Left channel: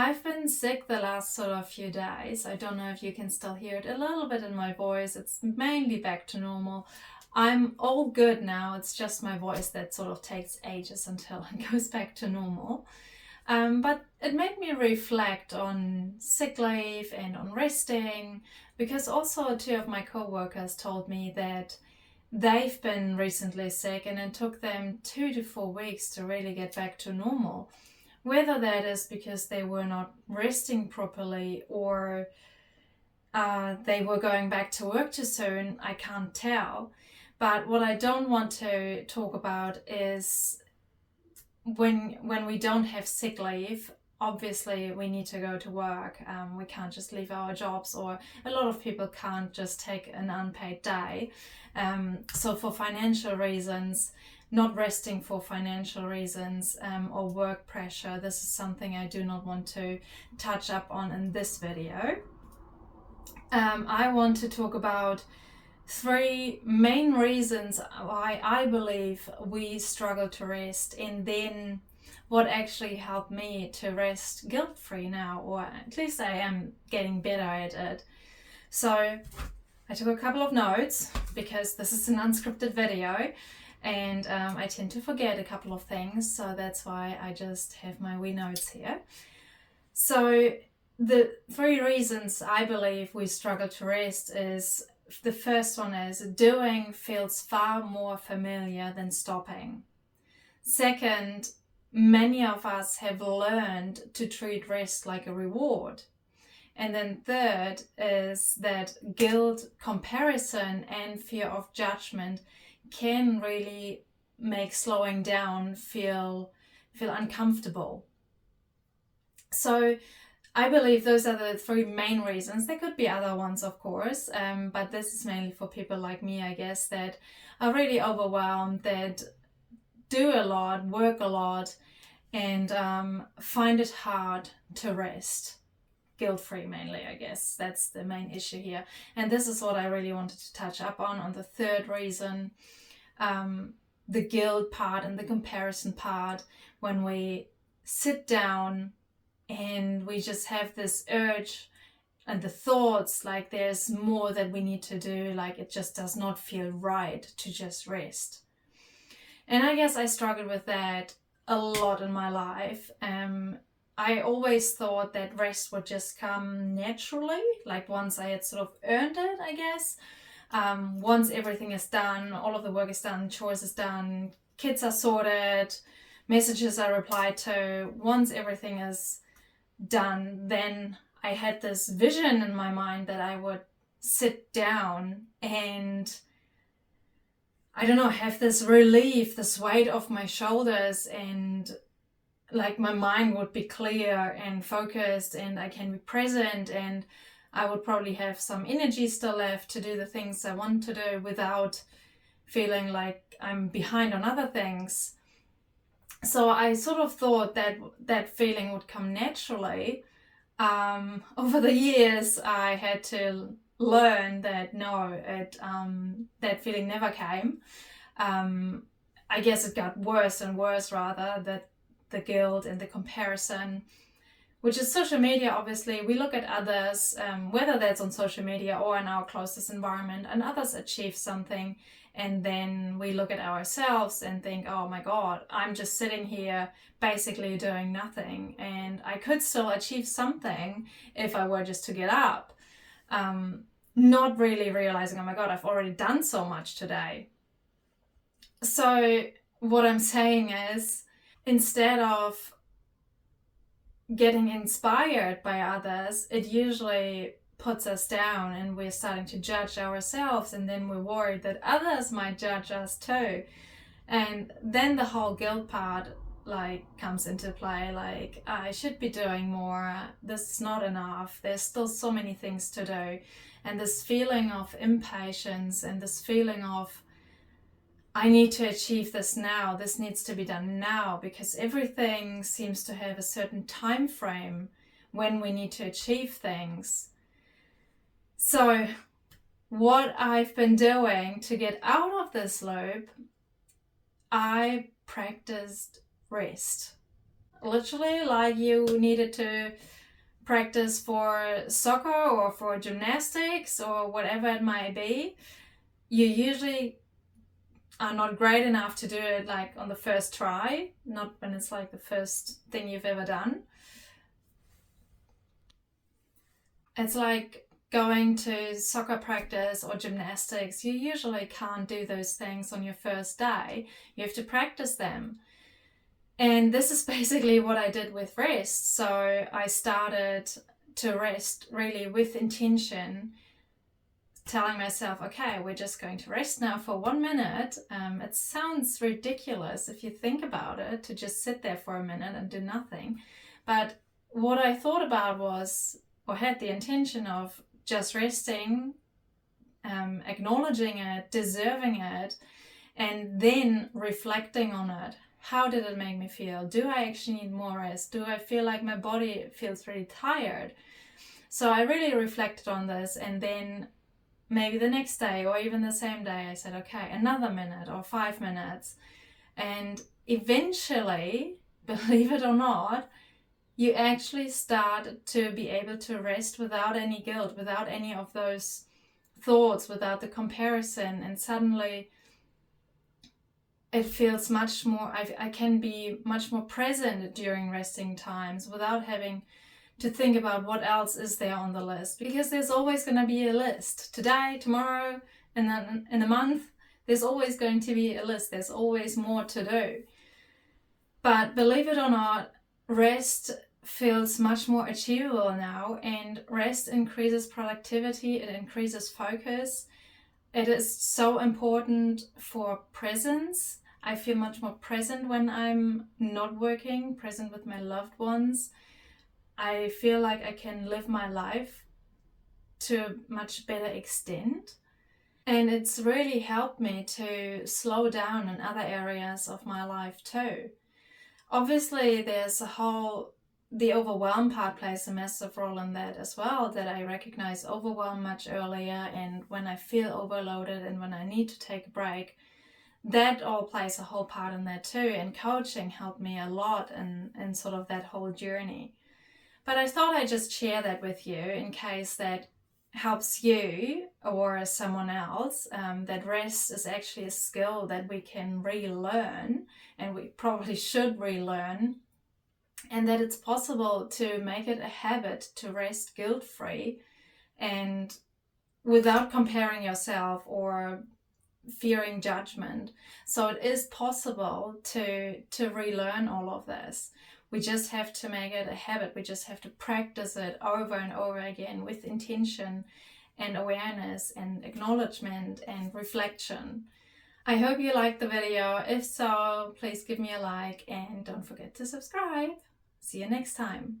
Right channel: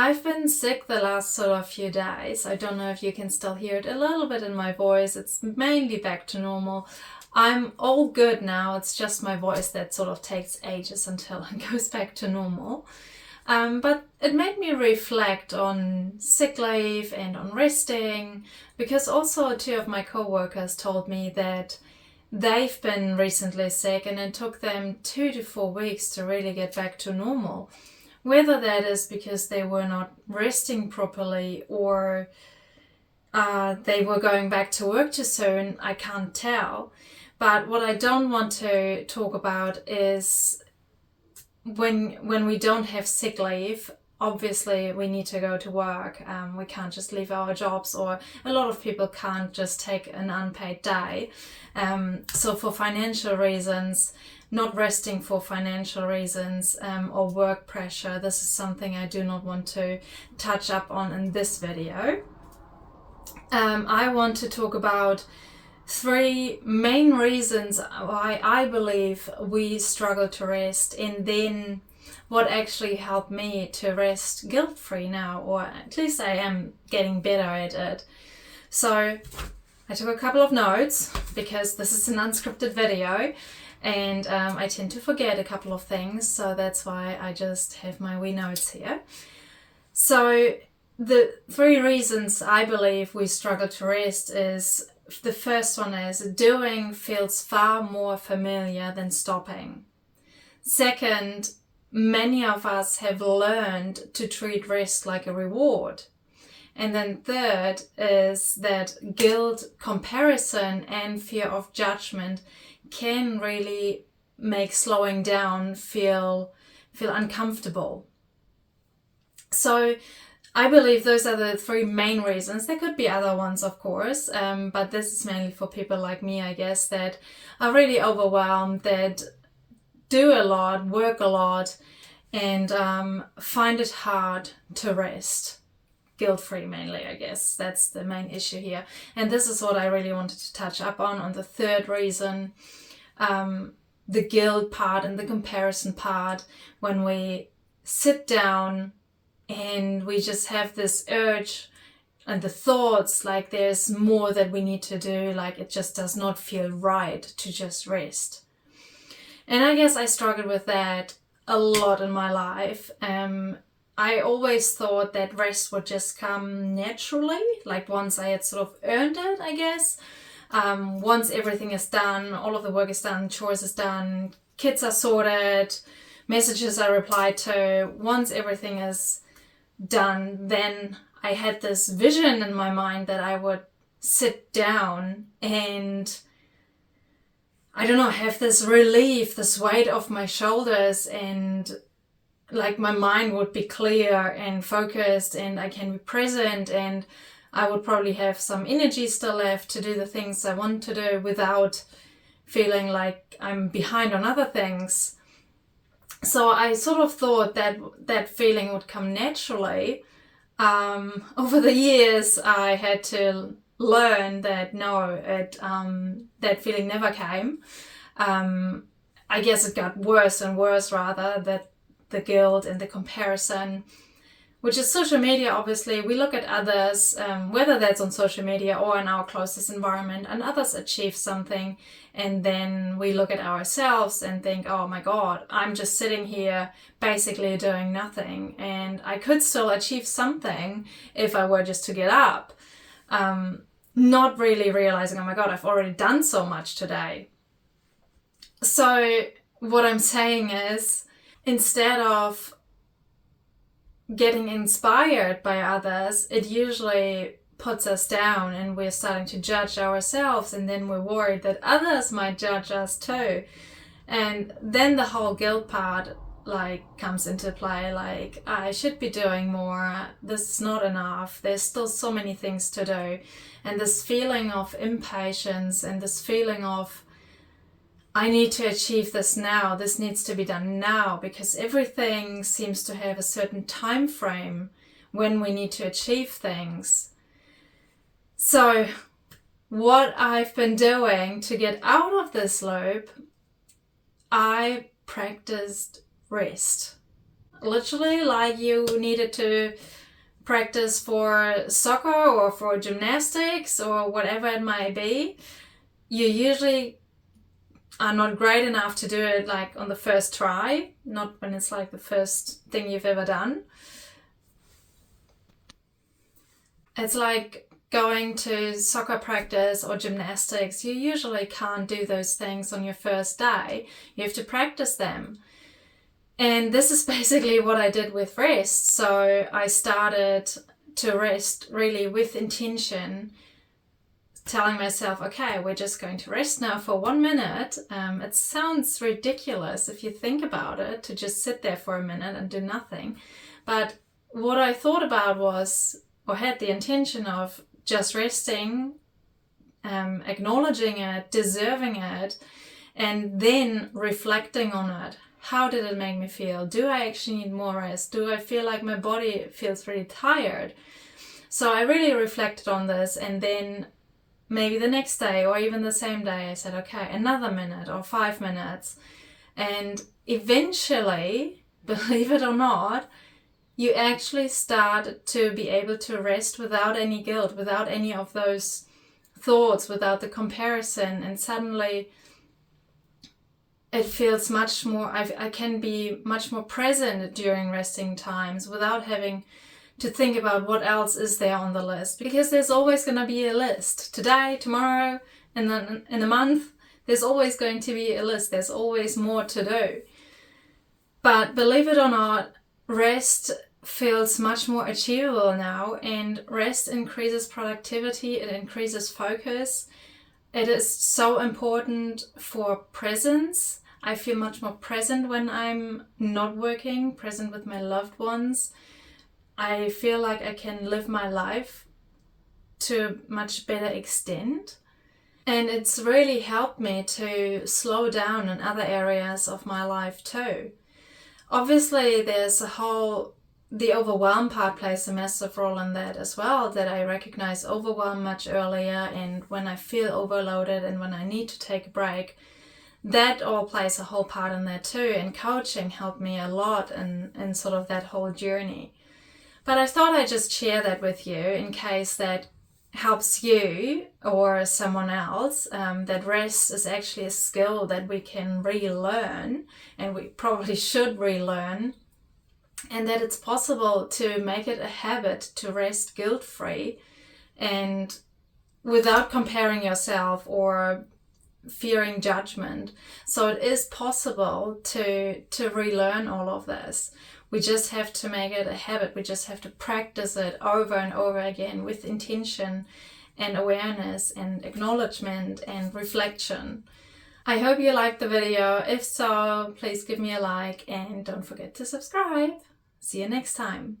I've been sick the last sort of few days. I don't know if you can still hear it a little bit in my voice. It's mainly back to normal. I'm all good now. It's just my voice that sort of takes ages until it goes back to normal. But it made me reflect on sick leave and on resting, because also two of my co-workers told me that they've been recently sick and it took them 2 to 4 weeks to really get back to normal. Whether that is because they were not resting properly or they were going back to work too soon, I can't tell. But what I don't want to talk about is when we don't have sick leave, obviously we need to go to work. We can't just leave our jobs, or a lot of people can't just take an unpaid day. So for financial reasons, not resting for financial reasons or work pressure, this is something I do not want to touch up on in this video. I want to talk about 3 main reasons why I believe we struggle to rest, and then what actually helped me to rest guilt-free now, or at least I am getting better at it. So I took a couple of notes because this is an unscripted video and I tend to forget a couple of things, so that's why I just have my wee notes here. So the 3 reasons I believe we struggle to rest is, the first one is doing feels far more familiar than stopping. Second, many of us have learned to treat rest like a reward. And then third is that guilt, comparison, and fear of judgment can really make slowing down feel uncomfortable. So I believe those are the 3 main reasons. There could be other ones, of course, but this is mainly for people like me, I guess, that are really overwhelmed, that do a lot, work a lot, and find it hard to rest. Guilt-free mainly, I guess. That's the main issue here. And this is what I really wanted to touch up on the 3rd reason, the guilt part and the comparison part, when we sit down and we just have this urge and the thoughts like there's more that we need to do, like it just does not feel right to just rest. And I guess I struggled with that a lot in my life. I always thought that rest would just come naturally, like once I had sort of earned it, I guess. Once everything is done, all of the work is done, chores is done, kids are sorted, messages are replied to, once everything is done, then I had this vision in my mind that I would sit down and, I don't know, have this relief, this weight off my shoulders, and like my mind would be clear and focused and I can be present, and I would probably have some energy still left to do the things I want to do without feeling like I'm behind on other things. So I sort of thought that that feeling would come naturally. Over the years, I had to learn that no, that feeling never came. I guess it got worse and worse, rather, that the guilt and the comparison, which is social media. Obviously, we look at others, whether that's on social media or in our closest environment, and others achieve something, and then we look at ourselves and think, oh my God, I'm just sitting here basically doing nothing, and I could still achieve something if I were just to get up. Not really realizing, oh my God, I've already done so much today. So what I'm saying is, instead of getting inspired by others, it usually puts us down and we're starting to judge ourselves, and then we're worried that others might judge us too. And then the whole guilt part comes into play, like I should be doing more, this is not enough, there's still so many things to do. And this feeling of impatience and this feeling of, I need to achieve this now, this needs to be done now, because everything seems to have a certain time frame when we need to achieve things. So what I've been doing to get out of this loop, I practiced rest. literally like you needed to practice for soccer or for gymnastics or whatever it might be, you usually are not great enough to do it like on the first try, not when it's like the first thing you've ever done. It's like going to soccer practice or gymnastics. You usually can't do those things on your first day. You have to practice them. And this is basically what I did with rest. So I started to rest really with intention, telling myself, okay, we're just going to rest now for 1 minute. It sounds ridiculous if you think about it, to just sit there for a minute and do nothing. But what I thought about was, or had the intention of, just resting, acknowledging it, deserving it, and then reflecting on it. How did it make me feel? Do I actually need more rest? Do I feel like my body feels really tired? So I really reflected on this, and then maybe the next day or even the same day I said, okay, another minute or 5 minutes. And eventually, believe it or not, you actually start to be able to rest without any guilt, without any of those thoughts, without the comparison. And suddenly it feels much more, I can be much more present during resting times without having to think about what else is there on the list. Because there's always going to be a list. Today, tomorrow, and then in a month, there's always going to be a list. There's always more to do. But believe it or not, rest feels much more achievable now, and rest increases productivity, it increases focus. It is so important for presence. I feel much more present when I'm not working, present with my loved ones. I feel like I can live my life to a much better extent. And it's really helped me to slow down in other areas of my life too. Obviously, there's the overwhelm part plays a massive role in that as well, that I recognize overwhelm much earlier, and when I feel overloaded and when I need to take a break, that all plays a whole part in that too. And coaching helped me a lot in sort of that whole journey. But I thought I'd just share that with you in case that helps you or someone else, that rest is actually a skill that we can relearn, and we probably should relearn, and that it's possible to make it a habit to rest guilt-free and without comparing yourself or fearing judgment. So it is possible to relearn all of this. We just have to make it a habit. We just have to practice it over and over again with intention and awareness and acknowledgement and reflection. I hope you liked the video. If so, please give me a like and don't forget to subscribe. See you next time.